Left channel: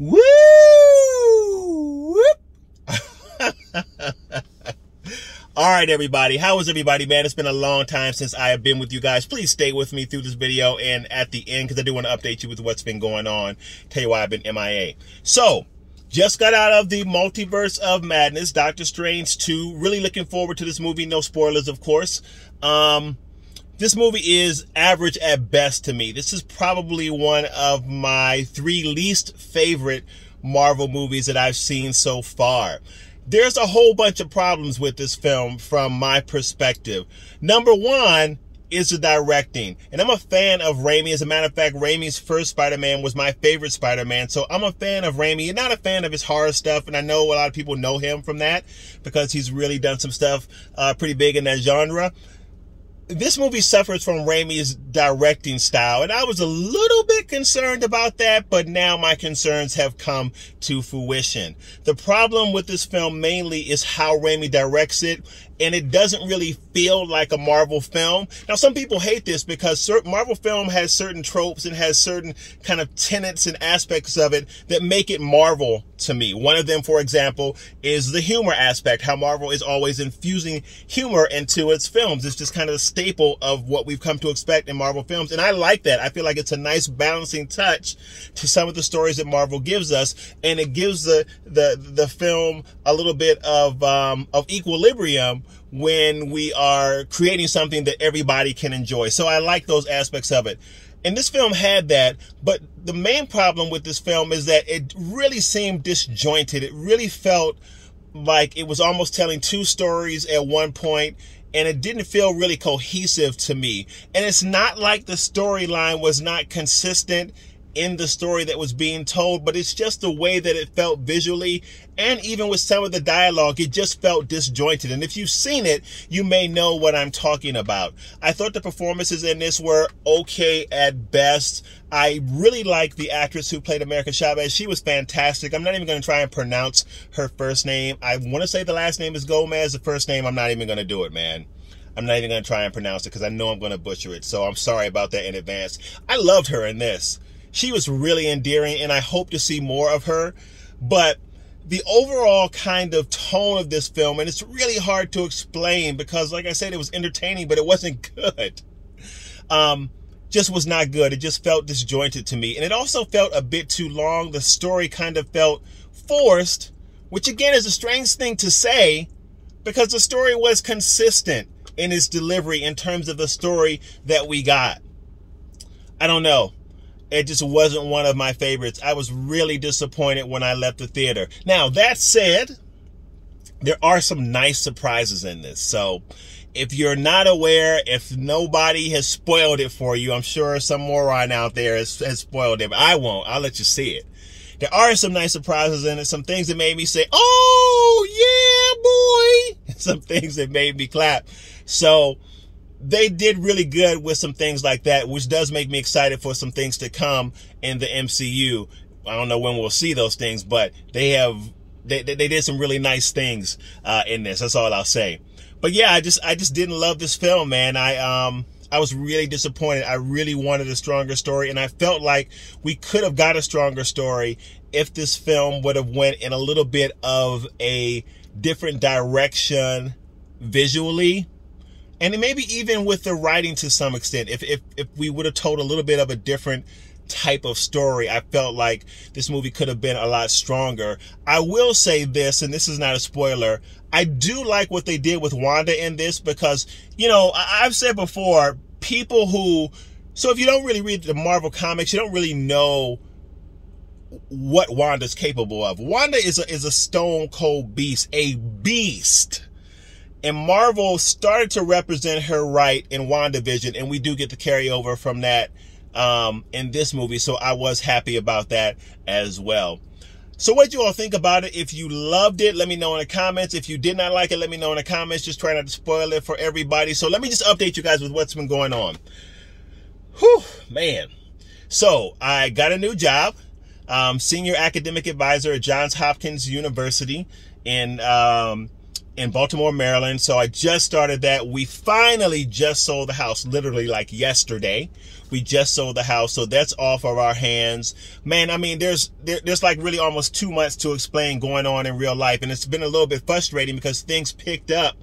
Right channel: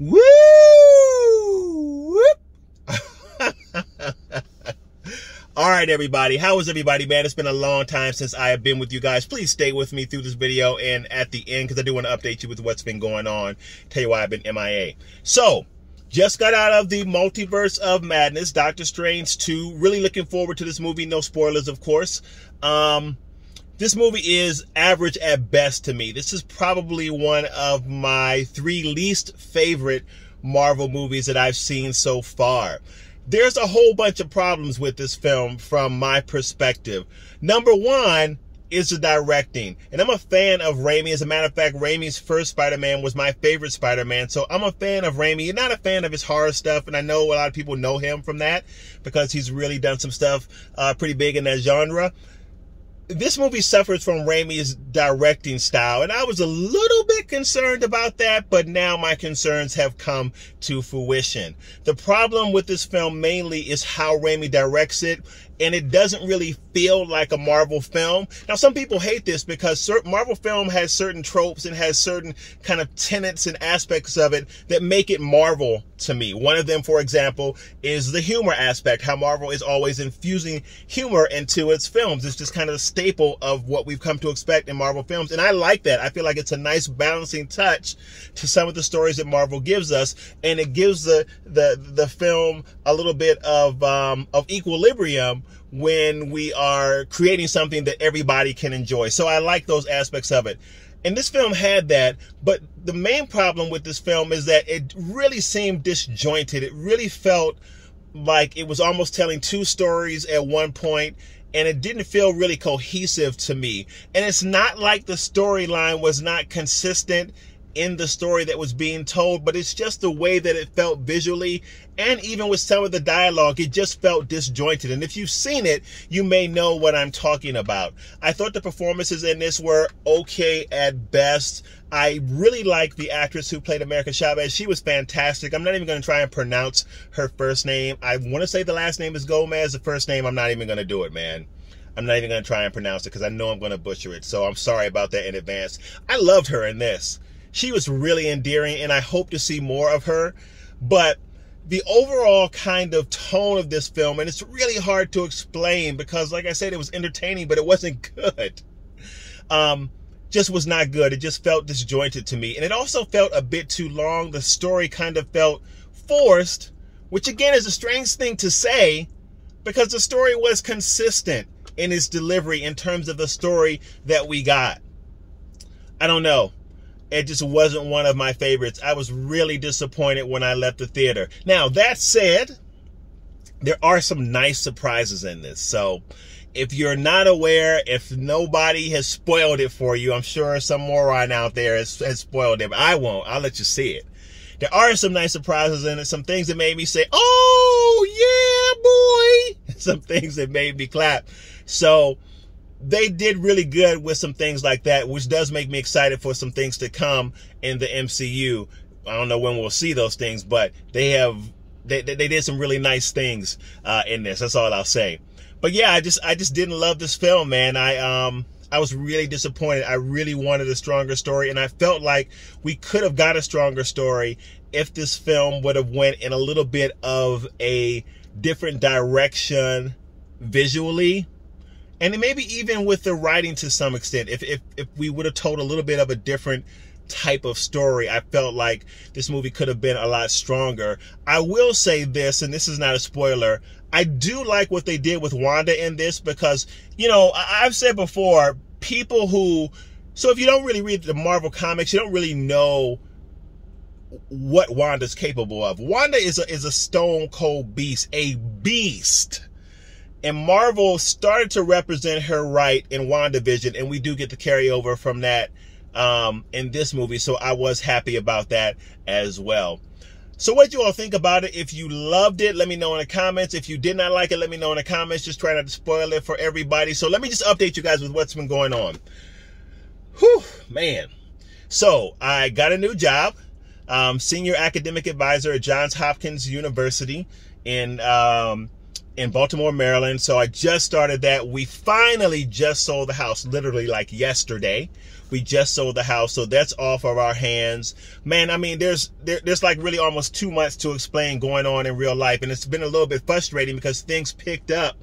Woo! All right, everybody. How is everybody, man? It's been a long time since I have been with you guys. Please stay with me through this video and at the end, because I do want to update you with what's been going on. Tell you why I've been MIA. So, just got out of the Multiverse of Madness, Doctor Strange 2. Really looking forward to this movie. No spoilers, of course. This movie is average at best to me. This is probably one of my 3 least favorite Marvel movies that I've seen so far. There's a whole bunch of problems with this film from my perspective. Number one is the directing. And I'm a fan of Raimi. As a matter of fact, Raimi's first Spider-Man was my favorite Spider-Man. So I'm a fan of Raimi. You're not a fan of his horror stuff. And I know a lot of people know him from that because he's really done some stuff pretty big in that genre. This movie suffers from Raimi's directing style, and I was a little bit concerned about that, but now my concerns have come to fruition. The problem with this film mainly is how Raimi directs it, and it doesn't really feel like a Marvel film. Now, some people hate this because Marvel film has certain tropes and has certain kind of tenets and aspects of it that make it Marvel to me. One of them, for example, is the humor aspect, how Marvel is always infusing humor into its films. It's just kind of a staple of what we've come to expect in Marvel films, and I like that. I feel like it's a nice balancing touch to some of the stories that Marvel gives us, and it gives the film a little bit of equilibrium when we are creating something that everybody can enjoy. So I like those aspects of it. And this film had that, but the main problem with this film is that it really seemed disjointed. It really felt like it was almost telling 2 stories at one point, and it didn't feel really cohesive to me. And it's not like the storyline was not consistent in the story that was being told, but it's just the way that it felt visually, and even with some of the dialogue, it just felt disjointed. And if you've seen it, you may know what I'm talking about. I thought the performances in this were okay at best. I really like the actress who played America Chavez. She was fantastic. I'm not even going to try and pronounce her first name. I want to say the last name is Gomez. The first name, I'm not even going to do it, man. I'm not even going to try and pronounce it because I know I'm going to butcher it. So I'm sorry about that in advance. I loved her in this. She was really endearing, and I hope to see more of her. But the overall kind of tone of this film, and it's really hard to explain because, like I said, it was entertaining, but it wasn't good. Just was not good. It just felt disjointed to me. And it also felt a bit too long. The story kind of felt forced, which again is a strange thing to say because the story was consistent in its delivery in terms of the story that we got. I don't know. It just wasn't one of my favorites. I was really disappointed when I left the theater. Now, that said, there are some nice surprises in this. So if you're not aware, if nobody has spoiled it for you, I'm sure some moron out there has spoiled it, but I won't. I'll let you see it. There are some nice surprises in it, some things that made me say, oh, yeah, boy. Some things that made me clap. So they did really good with some things like that, which does make me excited for some things to come in the MCU. I don't know when we'll see those things, but they did some really nice things in this. That's all I'll say. But yeah, I just didn't love this film, man. I was really disappointed. I really wanted a stronger story, and I felt like we could have got a stronger story if this film would have went in a little bit of a different direction visually. And maybe even with the writing to some extent, if we would have told a little bit of a different type of story, I felt like this movie could have been a lot stronger. I will say this, and this is not a spoiler, I do like what they did with Wanda in this because, you know, I've said before, people who, so if you don't really read the Marvel comics, you don't really know what Wanda's capable of. Wanda is a stone cold beast, a beast. And Marvel started to represent her right in WandaVision, and we do get the carryover from that in this movie, so I was happy about that as well. So what you all think about it? If you loved it, let me know in the comments. If you did not like it, let me know in the comments. Just try not to spoil it for everybody. So let me just update you guys with what's been going on. Whew, man. So I got a new job, senior academic advisor at Johns Hopkins University in in Baltimore, Maryland. So I just started that. We finally just sold the house, literally like yesterday. We just sold the house, so that's off of our hands. Man, I mean, there's like really almost too much to explain going on in real life, and it's been a little bit frustrating because things picked up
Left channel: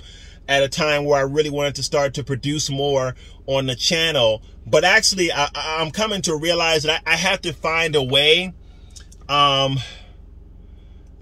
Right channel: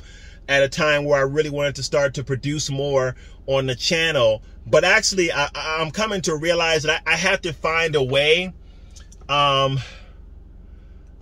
at a time where I really wanted to start to produce more on the channel. But actually, I'm coming to realize that I have to find a way.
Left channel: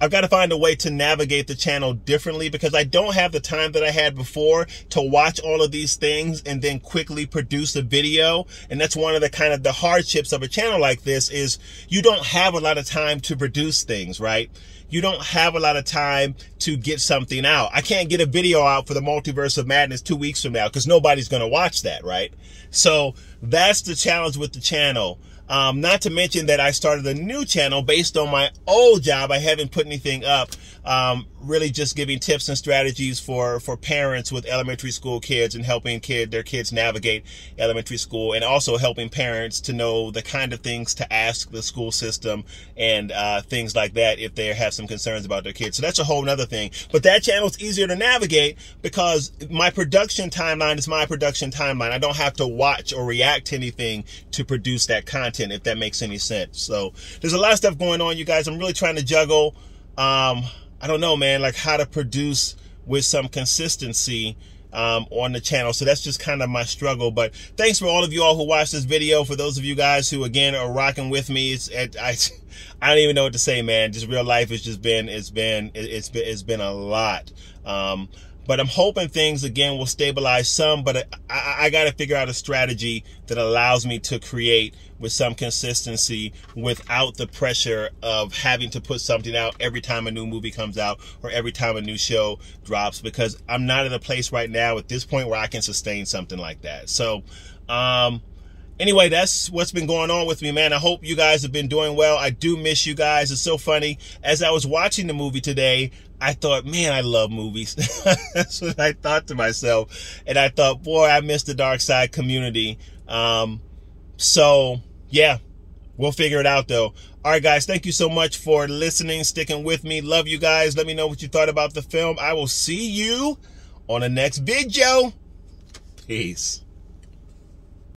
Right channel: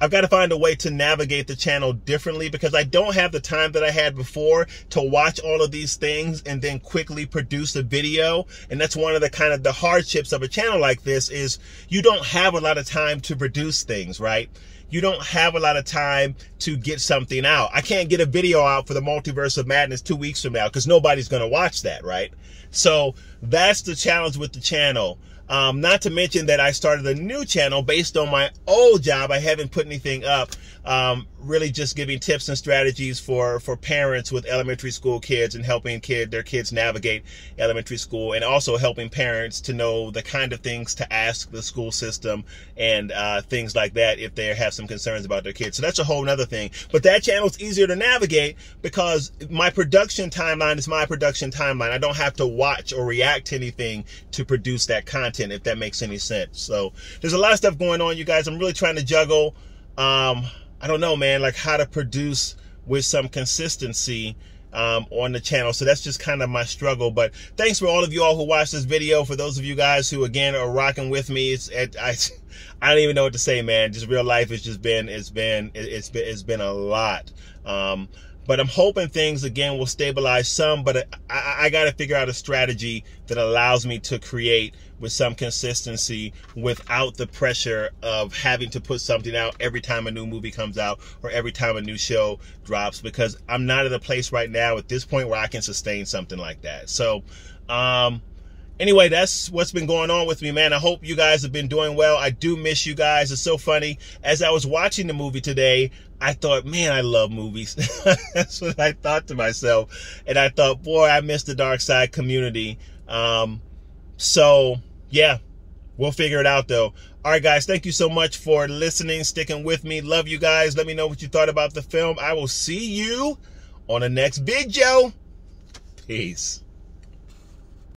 I've got to find a way to navigate the channel differently, because I don't have the time that I had before to watch all of these things and then quickly produce a video. And that's one of the kind of the hardships of a channel like this, is you don't have a lot of time to produce things, right? You don't have a lot of time to get something out. I can't get a video out for the Multiverse of Madness 2 weeks from now because nobody's going to watch that, right? So that's the challenge with the channel. Not to mention that I started a new channel based on my old job. I haven't put anything up, really just giving tips and strategies for parents with elementary school kids and helping their kids navigate elementary school, and also helping parents to know the kind of things to ask the school system and things like that if they have some concerns about their kids. So that's a whole nother thing. But that channel is easier to navigate because my production timeline is my production timeline. I don't have to watch or react to anything to produce that content, if that makes any sense. So there's a lot of stuff going on, you guys. I'm really trying to juggle, I don't know, man, like how to produce with some consistency on the channel. So that's just kind of my struggle. But thanks for all of you all who watched this video. For those of you guys who, again, are rocking with me, I don't even know what to say, man. Just real life has just been, it's been a lot. But I'm hoping things, again, will stabilize some, but I got to figure out a strategy that allows me to create with some consistency without the pressure of having to put something out every time a new movie comes out or every time a new show drops, because I'm not in a place right now at this point where I can sustain something like that. So, anyway, that's what's been going on with me, man. I hope you guys have been doing well. I do miss you guys. It's so funny. As I was watching the movie today, I thought, man, I love movies. That's what I thought to myself. And I thought, boy, I miss the Dark Side community. So, yeah, we'll figure it out, though. All right, guys, thank you so much for listening, sticking with me. Love you guys. Let me know what you thought about the film. I will see you on the next video. Peace.